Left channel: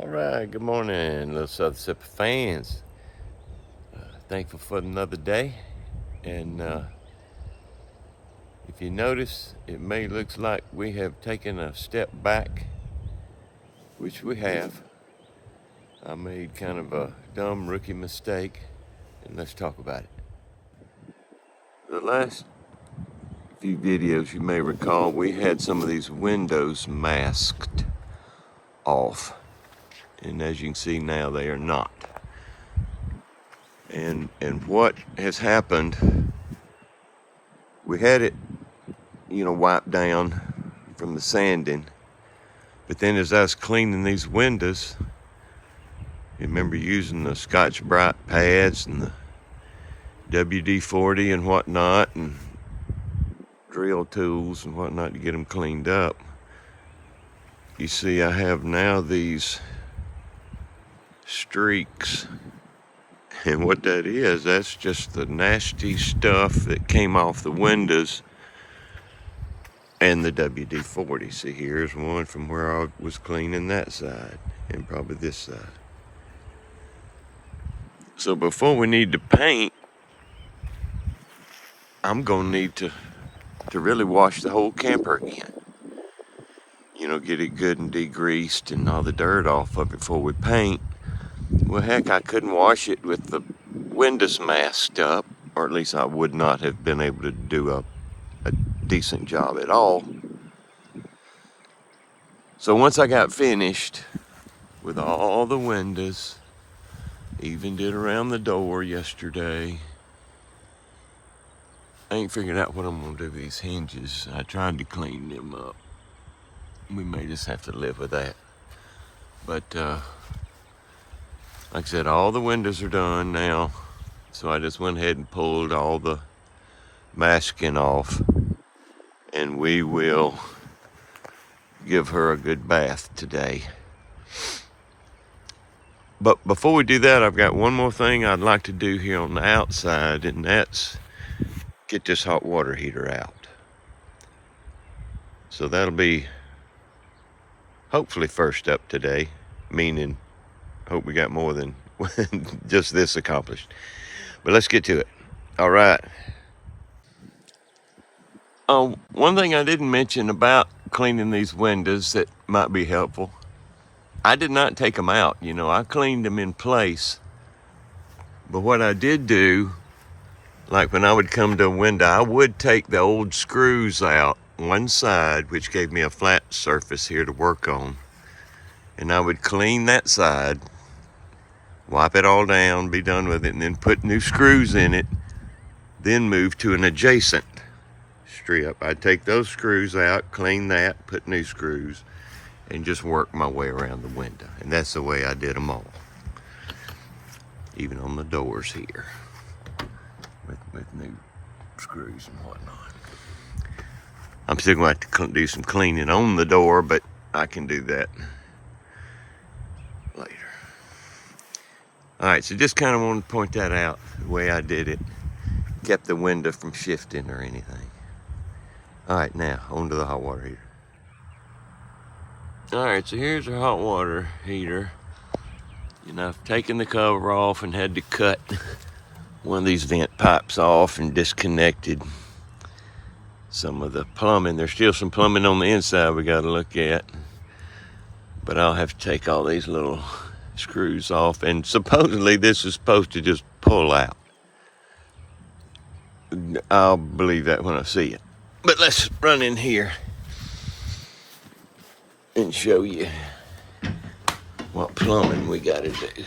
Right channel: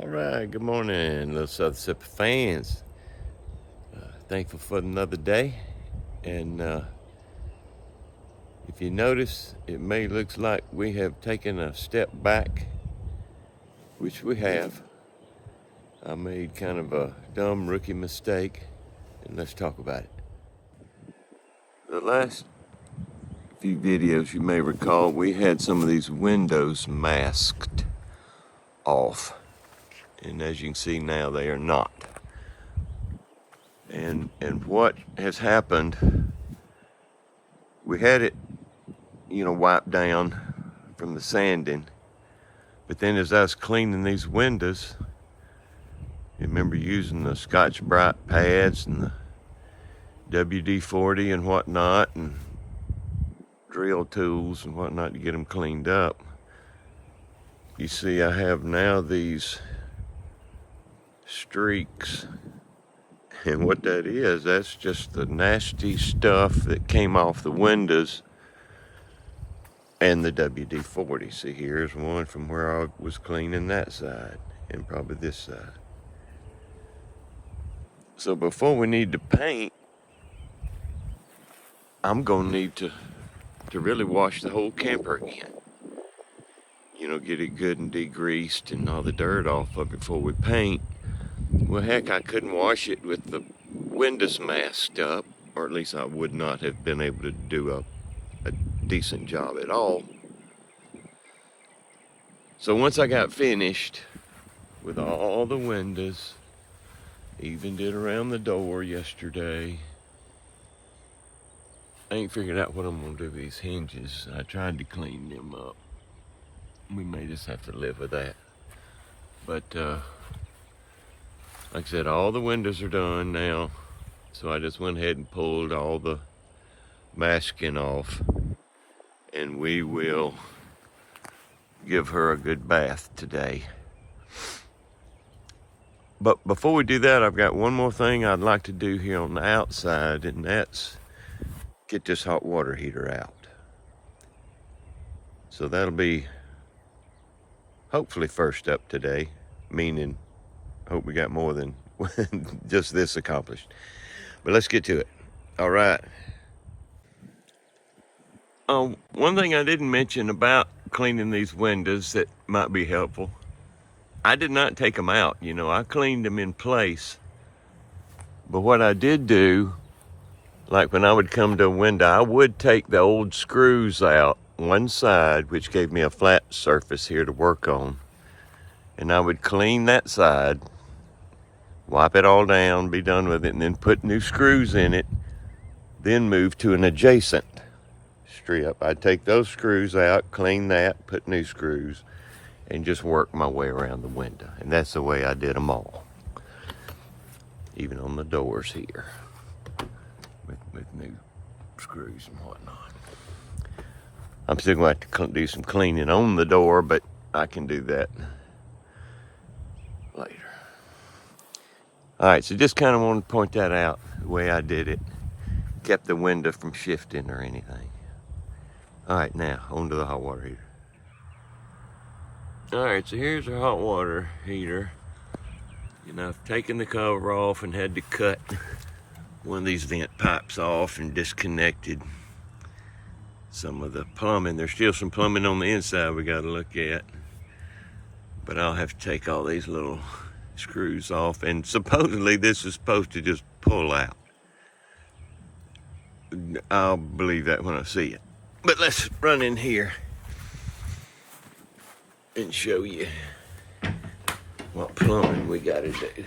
All right, good morning, little Southern Sipper fans. Thankful for another day. And if you notice, it may look like we have taken a step back, which we have. I made kind of a dumb rookie mistake, and let's talk about it. The last few videos, you may recall, we had some of these windows masked off. And as you can see now, they are not. And what has happened, we had it, wiped down from the sanding. But then as I was cleaning these windows, I remember using the Scotch-Brite pads and the WD-40 and whatnot, and drill tools and whatnot to get them cleaned up. You see, I have now these streaks. And what that is, that's just the nasty stuff that came off the windows and the WD-40. See, here's one from where I was cleaning that side and probably this side. So before we need to paint, I'm gonna need to really wash the whole camper again. Get it good and degreased and all the dirt off of it before we paint. Well, heck, I couldn't wash it with the windows masked up, or at least I would not have been able to do a decent job at all. So once I got finished with all the windows, even did around the door yesterday, I ain't figured out what I'm gonna do with these hinges. I tried to clean them up. We may just have to live with that. But like I said, all the windows are done now. So I just went ahead and pulled all the masking off. And we will give her a good bath today. But before we do that, I've got one more thing I'd like to do here on the outside, and that's get this hot water heater out. So that'll be hopefully first up today, meaning hope we got more than just this accomplished. But let's get to it. All right. One thing I didn't mention about cleaning these windows that might be helpful, I did not take them out. I cleaned them in place. But what I did do, like when I would come to a window, I would take the old screws out one side, which gave me a flat surface here to work on. And I would clean that side, wipe it all down, be done with it, and then put new screws in it, then move to an adjacent strip. I'd take those screws out, clean that, put new screws, and just work my way around the window. And that's the way I did them all. Even on the doors here, with new screws and whatnot. I'm still going to have to do some cleaning on the door, but I can do that later. All right, so just kind of want to point that out, the way I did it. Kept the window from shifting or anything. All right, now, on to the hot water heater. All right, so here's our hot water heater. I've taken the cover off and had to cut one of these vent pipes off and disconnected some of the plumbing. There's still some plumbing on the inside we got to look at. But I'll have to take all these little screws off. And supposedly this is supposed to just pull out. I'll believe that when I see it. But let's run in here and show you what plumbing we got to do.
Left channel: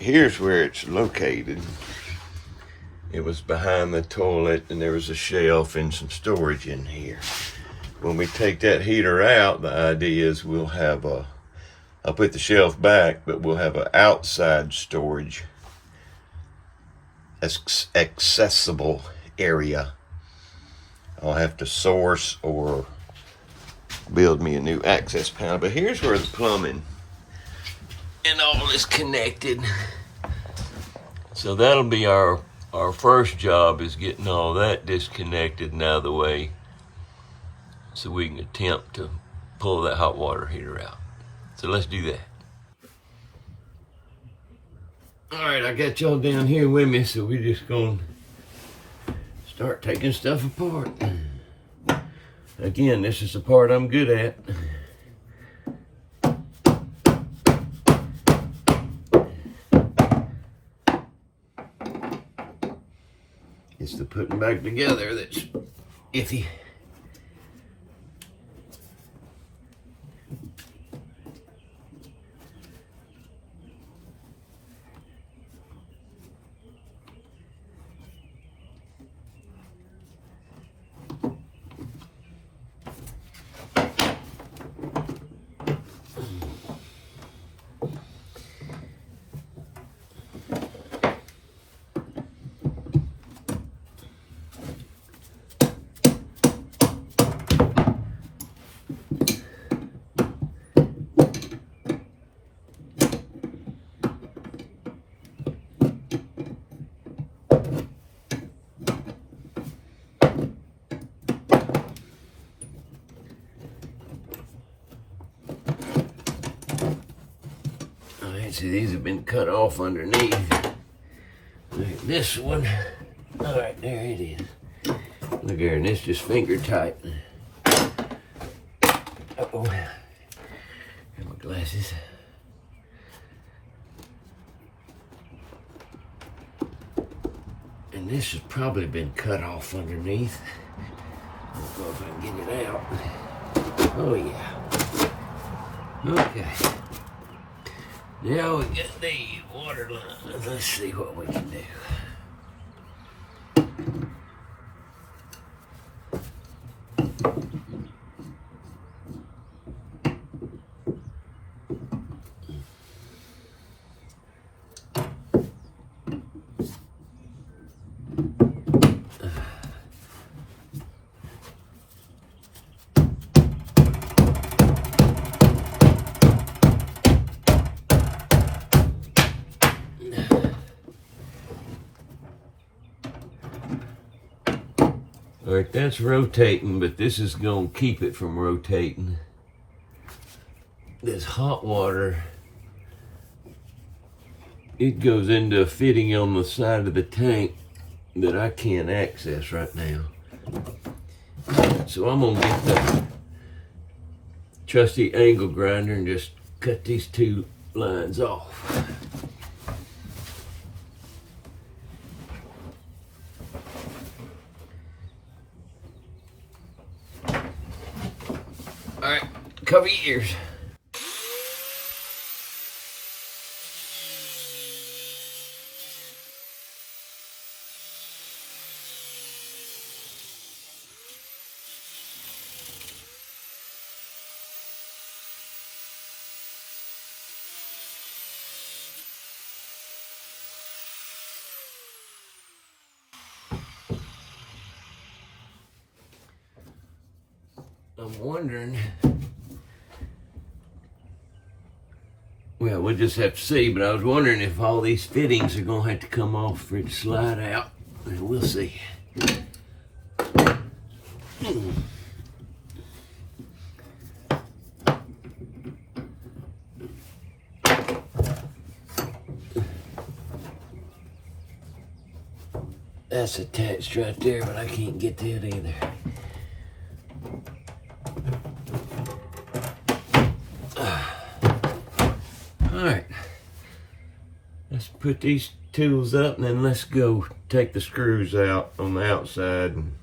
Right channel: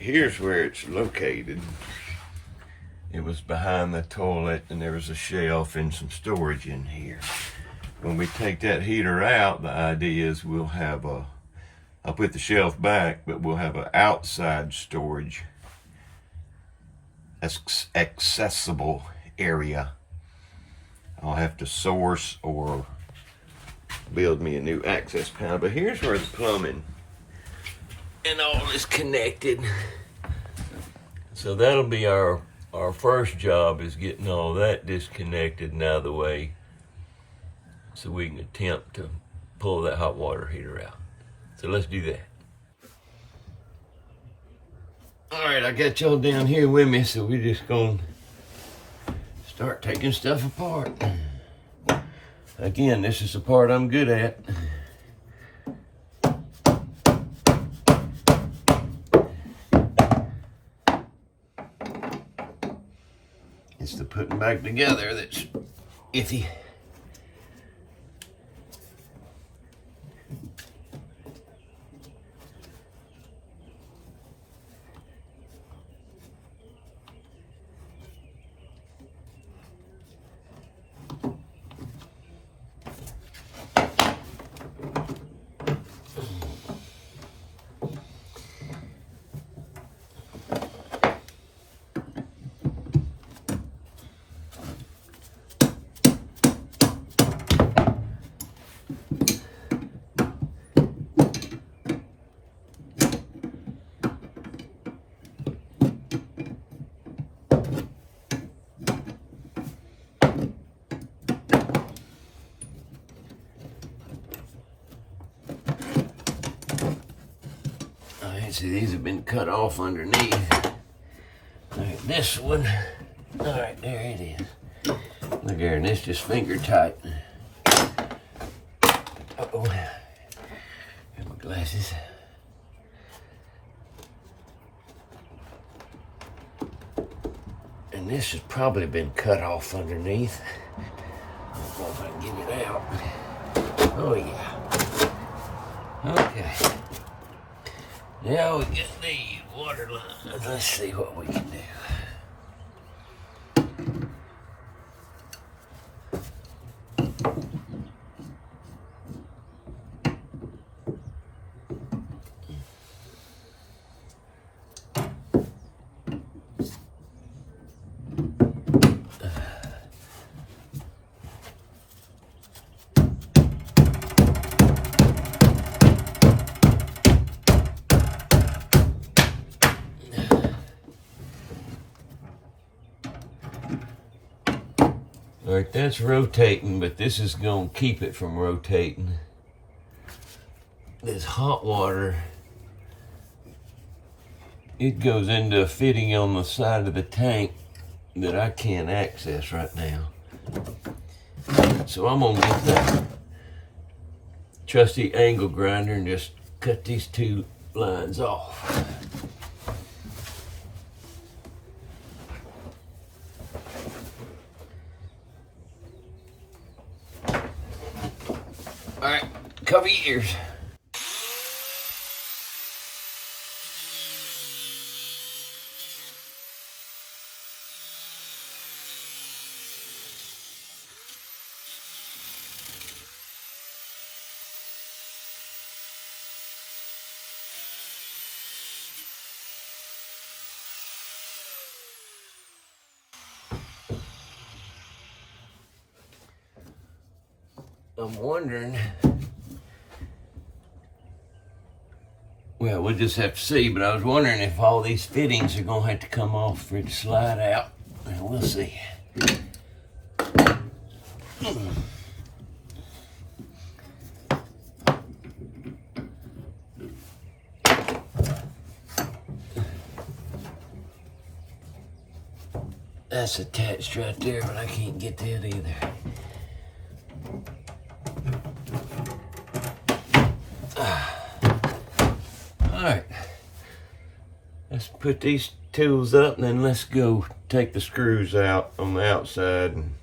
Here's where it's located. It was behind the toilet, and there was a shelf and some storage in here. When we take that heater out, the idea is I'll put the shelf back, but we'll have an outside storage accessible area. I'll have to source or build me a new access panel. But here's where the plumbing and all is connected. So that'll be our first job, is getting all that disconnected and out of the way so we can attempt to pull that hot water heater out. So let's do that. All right, I got y'all down here with me, so we're just gonna start taking stuff apart. Again, this is the part I'm good at. It's the putting back together that's iffy. See, these have been cut off underneath. All right, this one. All right, there it is. Look here, and this just finger tight. Uh-oh. Here's my glasses. And this has probably been cut off underneath. I don't know if I can get it out. Oh, yeah. Okay. Now we get the water line. Let's see what we can do. All right, that's rotating, but this is going to keep it from rotating. This hot water, it goes into a fitting on the side of the tank that I can't access right now. So I'm going to get the trusty angle grinder and just cut these two lines off. All right, cover your ears. I'm wondering, well, we'll just have to see, but I was wondering if all these fittings are going to have to come off for it to slide out, and we'll see. That's attached right there, but I can't get that either. Alright, let's put these tools up and then let's go take the screws out on the outside and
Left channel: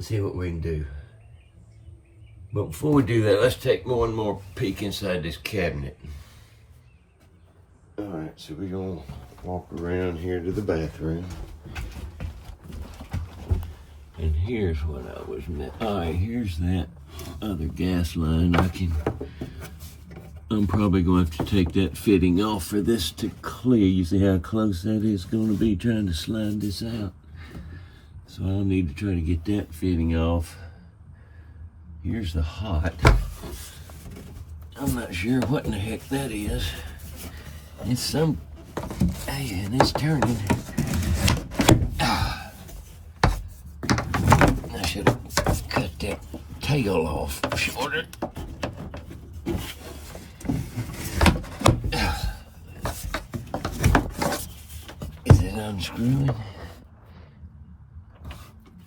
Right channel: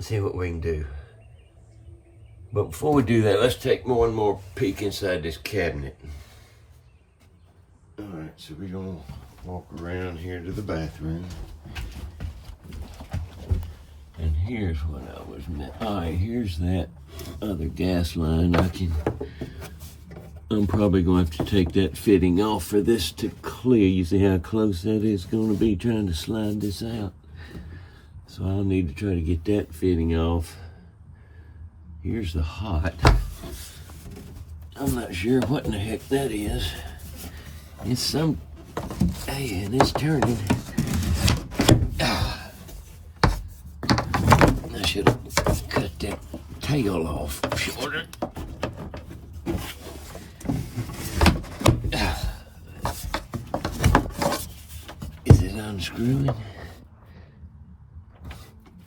see what we can do. But before we do that, let's take one more peek inside this cabinet. Alright, so we're going to walk around here to the bathroom. And here's what I was meant. Alright, here's that other gas line. I'm probably going to have to take that fitting off for this to clear. You see how close that is going to be trying to slide this out. So I'll need to try to get that fitting off. Here's the hot. I'm not sure what in the heck that is. It's some, hey, and it's turning. I should have cut that tail off shorter. unscrewing.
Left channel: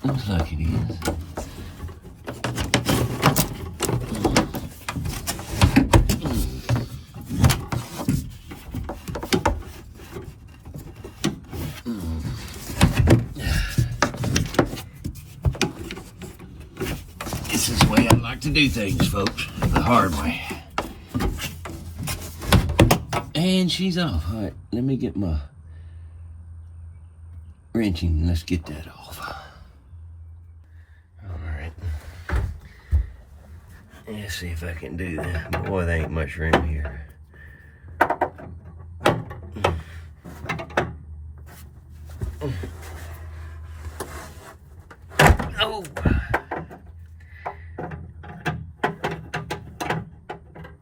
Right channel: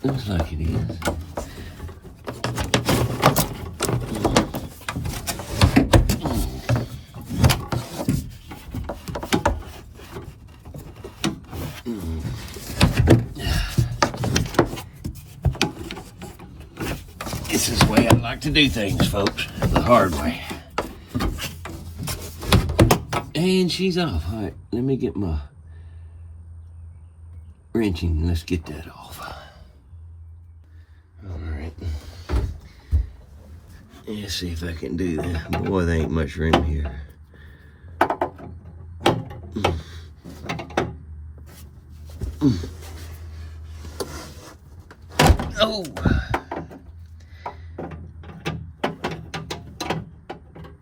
Looks like it is. This is the way I like to do things, folks. The hard way. And she's off. All right, let me get my wrenching. Let's get that off. All right. Let's see if I can do that. Boy, there ain't much room here. Oh!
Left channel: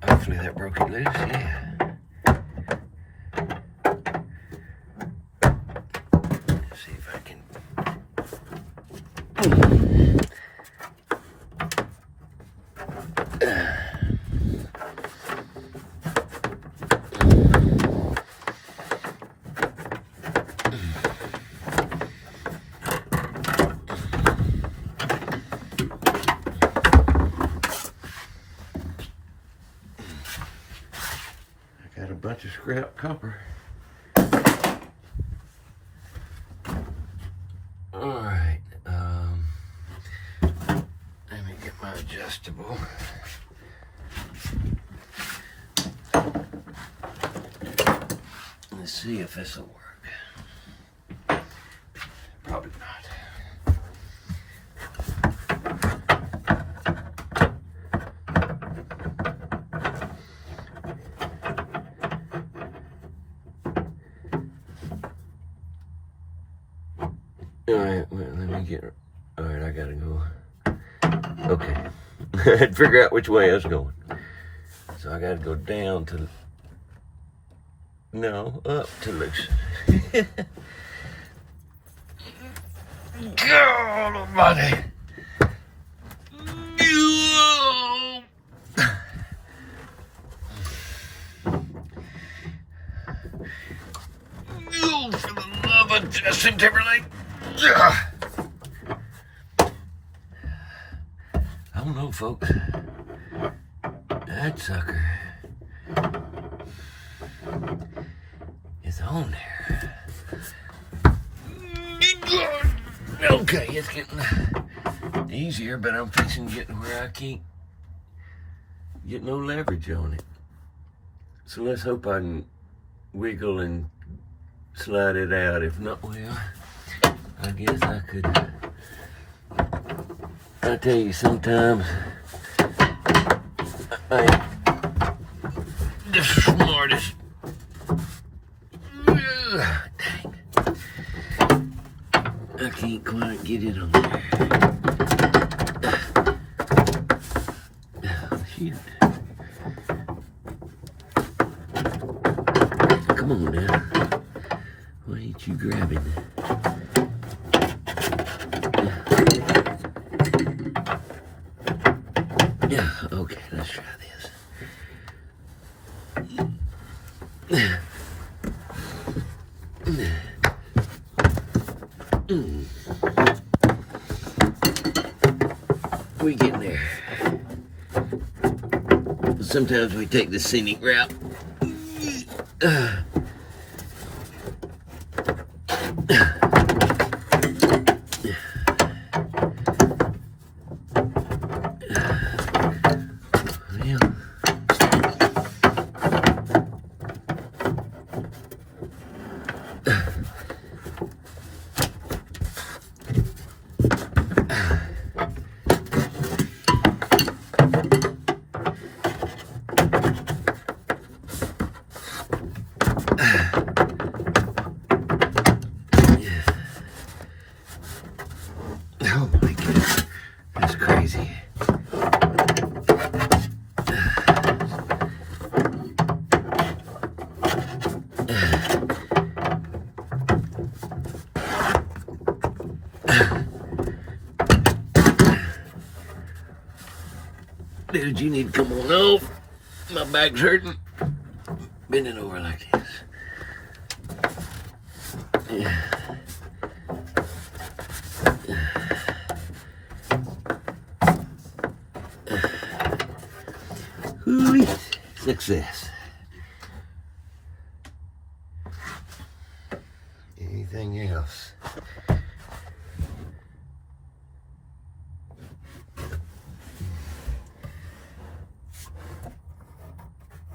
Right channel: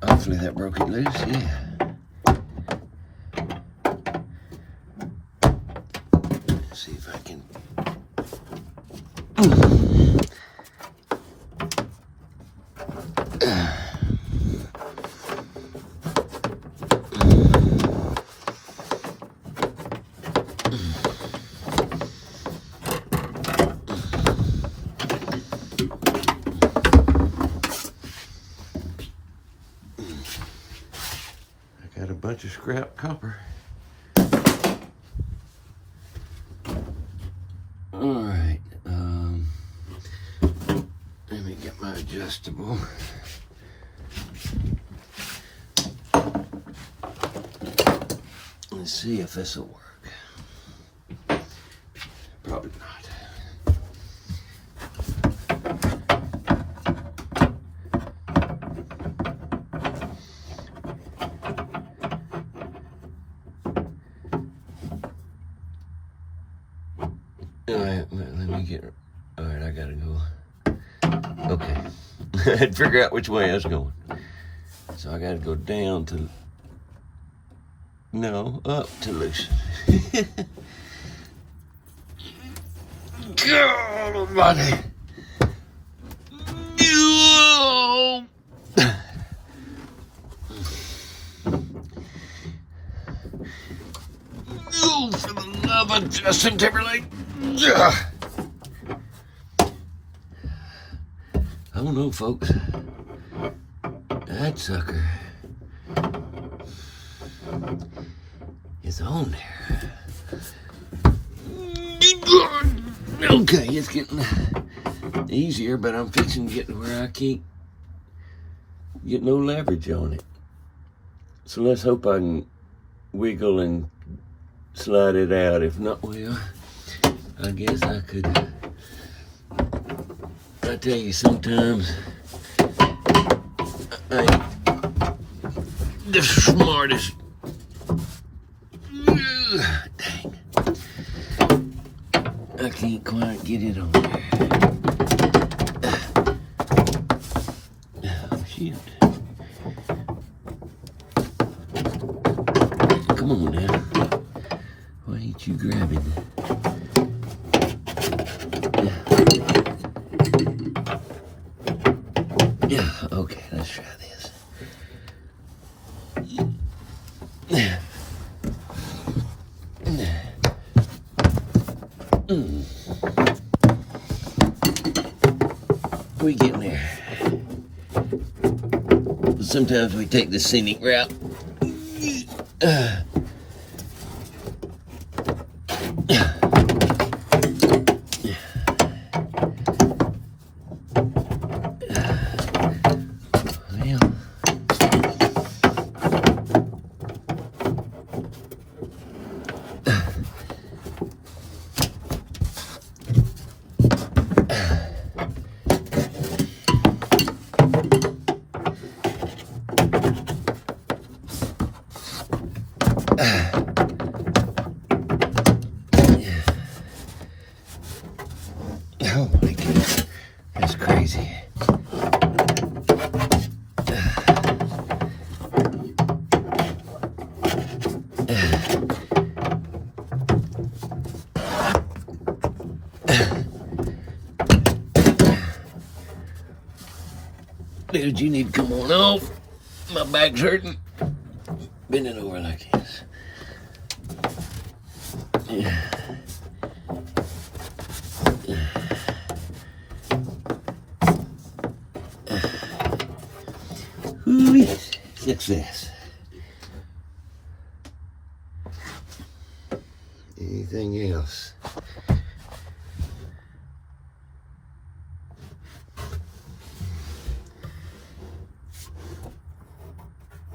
Hopefully that broke it loose, yeah. Let's see if I can. Got a bunch of scrap copper. All right, let me get my adjustable. Let's see if this will work. Probably not. Alright, let me get. Alright, I gotta go. Okay. I had to figure out which way I was going. So I gotta go down to. No, up to loosen. God almighty. Oh, for the love of Justin Timberlake. I don't know, folks. That sucker is on there. Okay, it's getting easier, but I'm fixing to get to where I can't get no leverage on it. So let's hope I can wiggle and slide it out. If not, well, I guess I could. I tell you, sometimes I ain't the smartest. Dang. I can't quite get it on there. Oh, shoot. Come on now. Why ain't you grabbing that? Yeah, okay, let's try this. We getting there. Sometimes we take the scenic route. Oh my goodness, that's crazy. Dude, you need to come on off. My back's hurting. Bend it over like this. Yeah. Success. Anything else?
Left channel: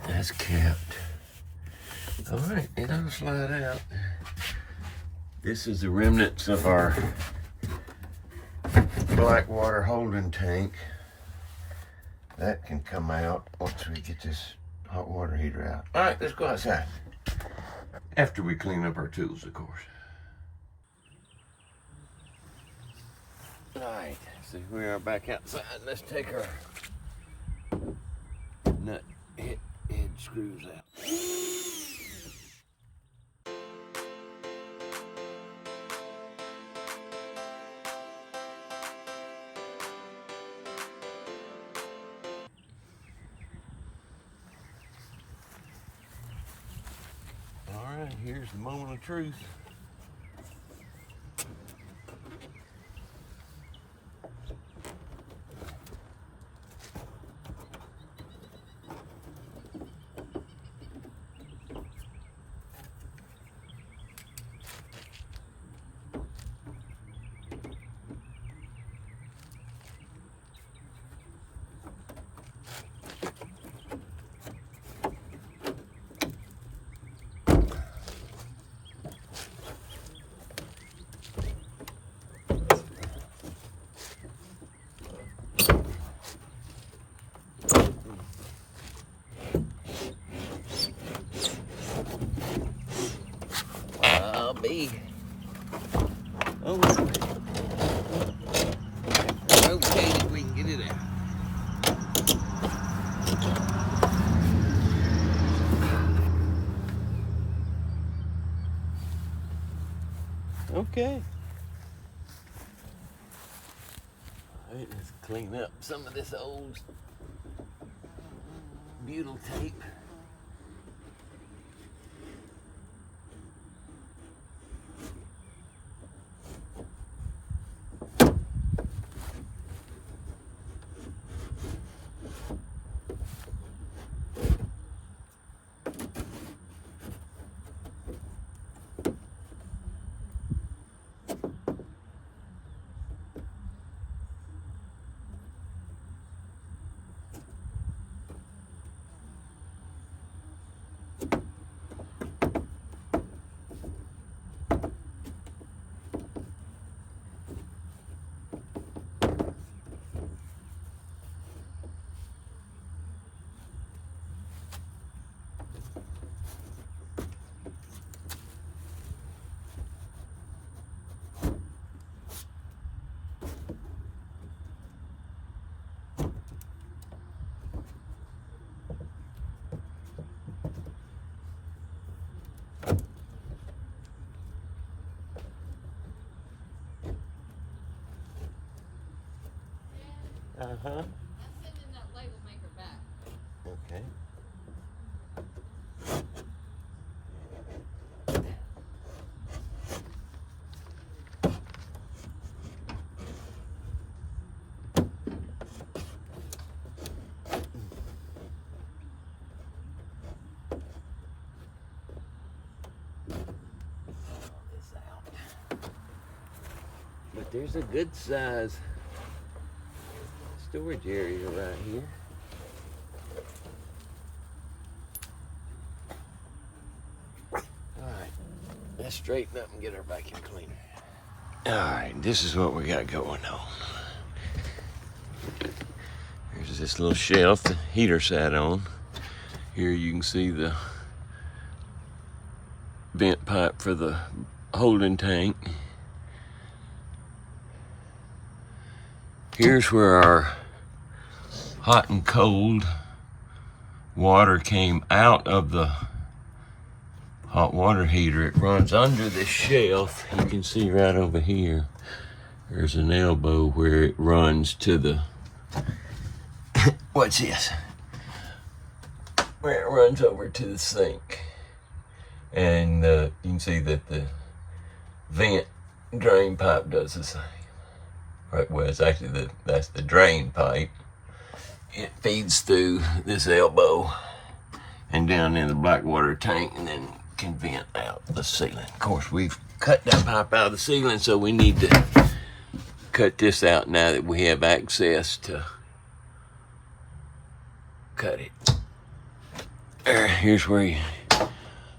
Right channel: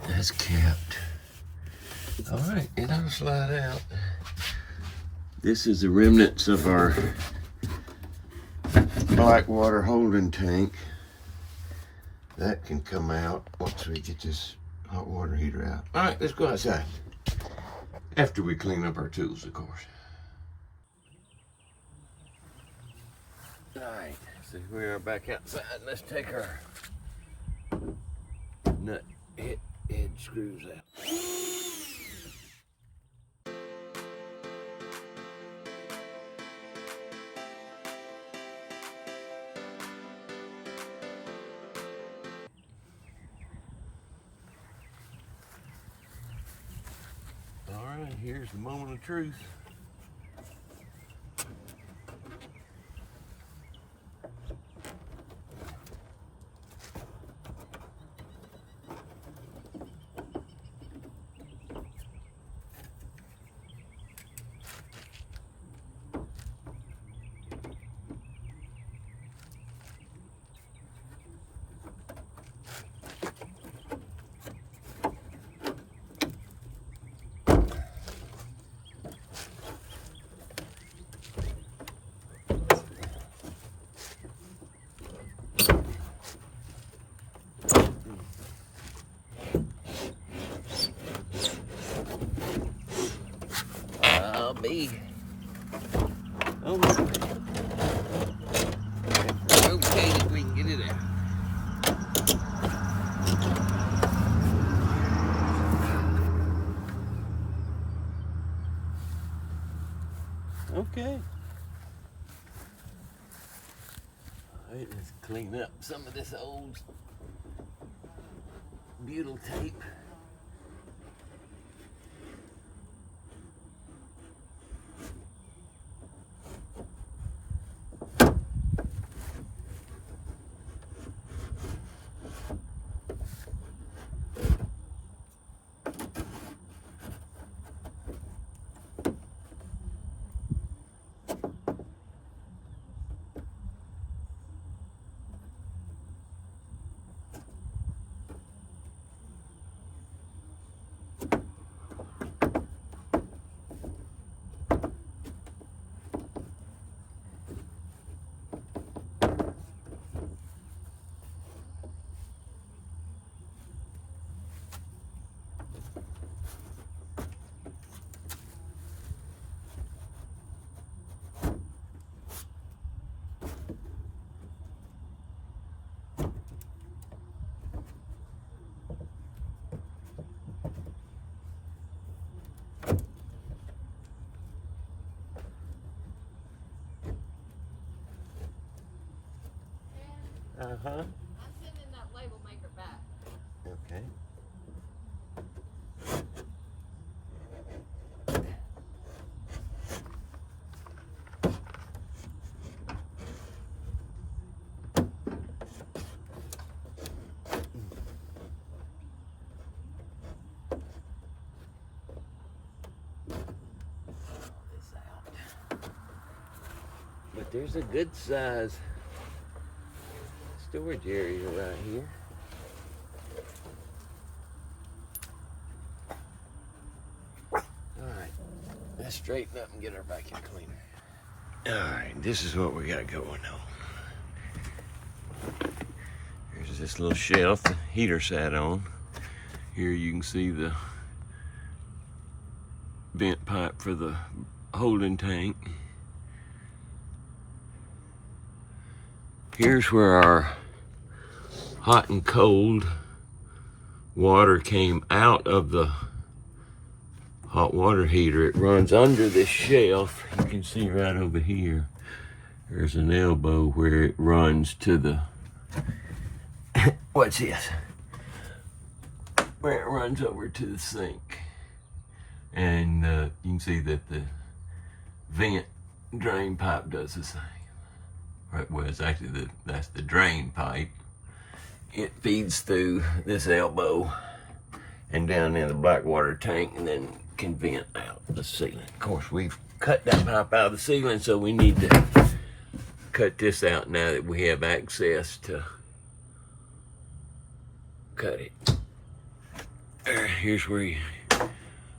That's kept. All right, it'll slide out. This is the remnants of our Blackwater holding tank. That can come out once we get this hot water heater out. All right, let's go outside. After we clean up our tools, of course. All right, so we are back outside. Let's take our nut head screws out. All right, here's the moment of truth. Me. Oh, okay, that we can get it out. Okay. All right, let's clean up some of this old butyl tape. I'm sending that label maker back. Okay. But there's a good size storage area right here. Alright, let's straighten up and get our vacuum cleaner. Alright, this is what we got going on. Here's this little shelf the heater sat on. Here you can see the vent pipe for the holding tank. Here's where our hot and cold water came out of the hot water heater. It runs under this shelf. You can see right over here. There's an elbow where it runs to the, what's this? Where it runs over to the sink. And you can see that the vent drain pipe does the same. Right, well, it's actually that's the drain pipe. It feeds through this elbow and down in the black water tank, and then can vent out the ceiling. Of course, we've cut that pipe out of the ceiling, so we need to cut this out now that we have access to cut it. Here's where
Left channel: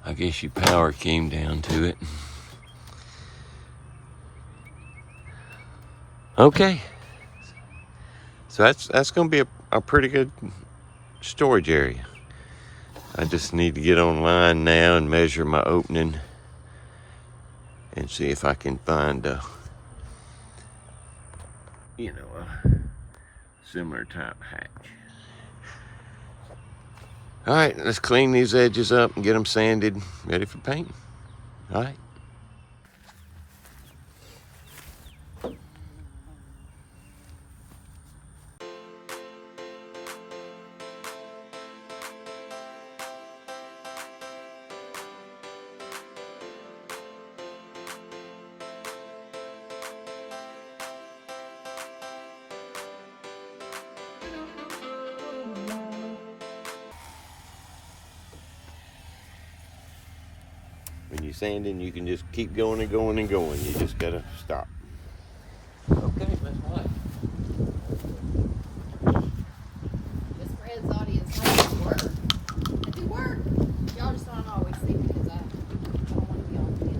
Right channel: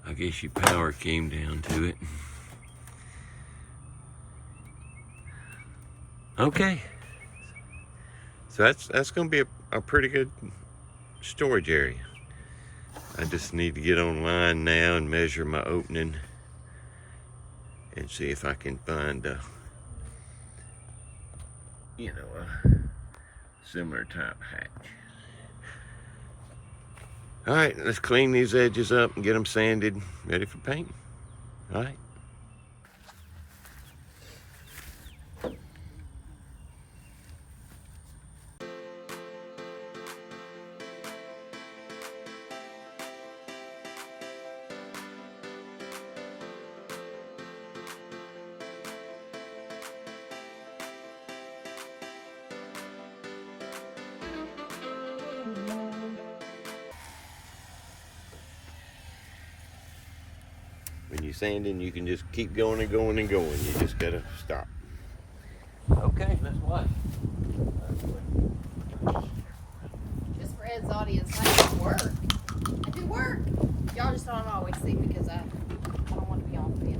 I guess your power came down to it. Okay. So that's gonna be a pretty good storage area. I just need to get online now and measure my opening and see if I can find a similar type hatch. All right, let's clean these edges up and get them sanded, ready for painting. All right. When you're sanding, you can just keep going and going and going. You just gotta stop. Just for Ed's audience, I do work. I do work. Y'all just don't always see because I don't want to be on video.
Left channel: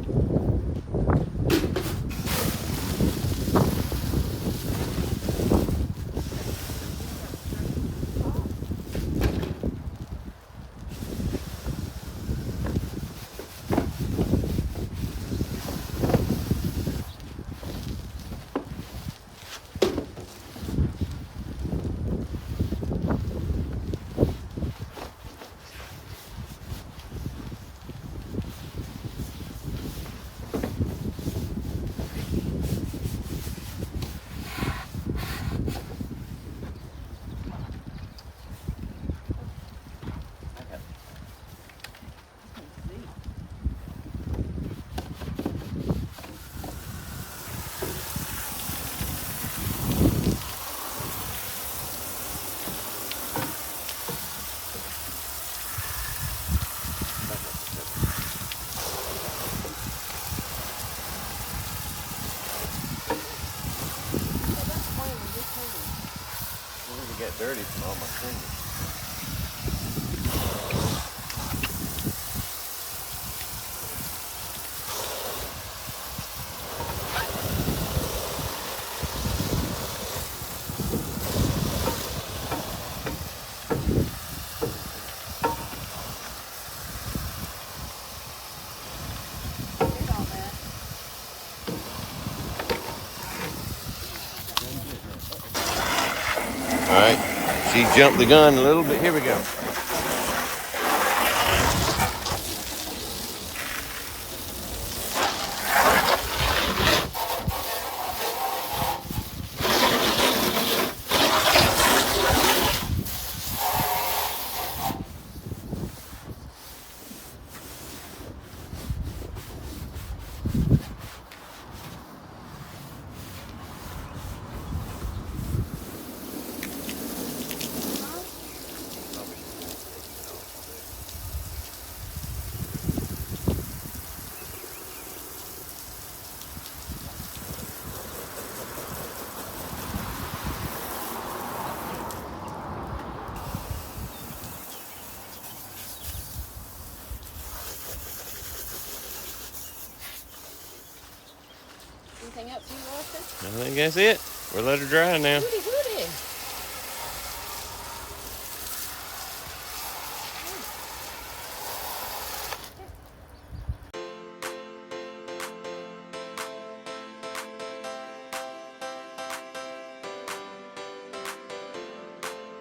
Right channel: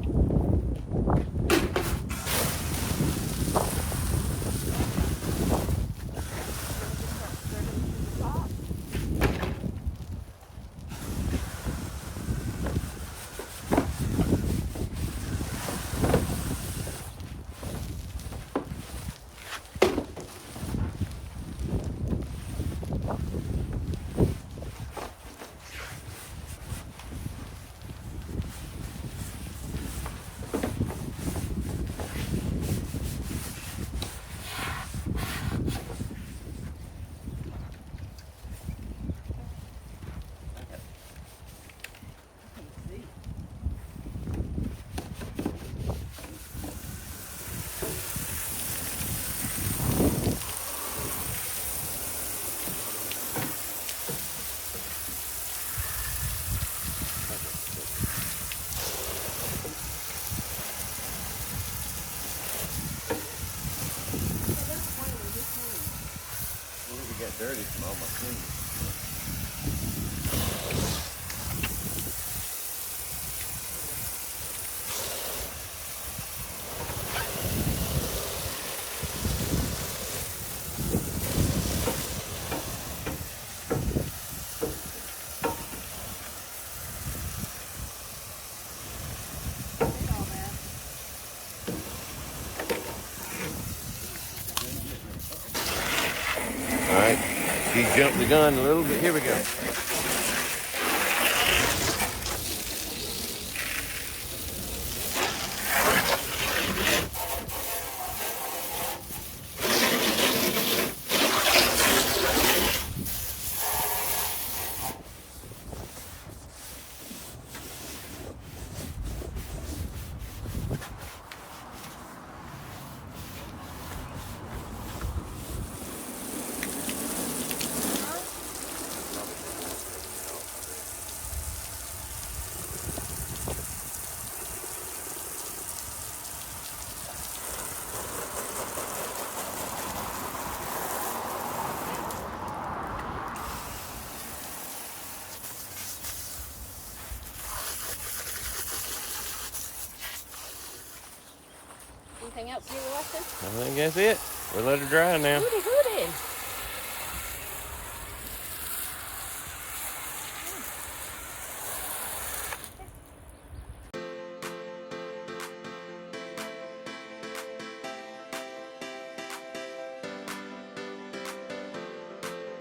Dirty from all my fingers. All right, she jumped the gun a little bit. Here we go. Anything else you were watching? I think that's it. We'll let her dry now.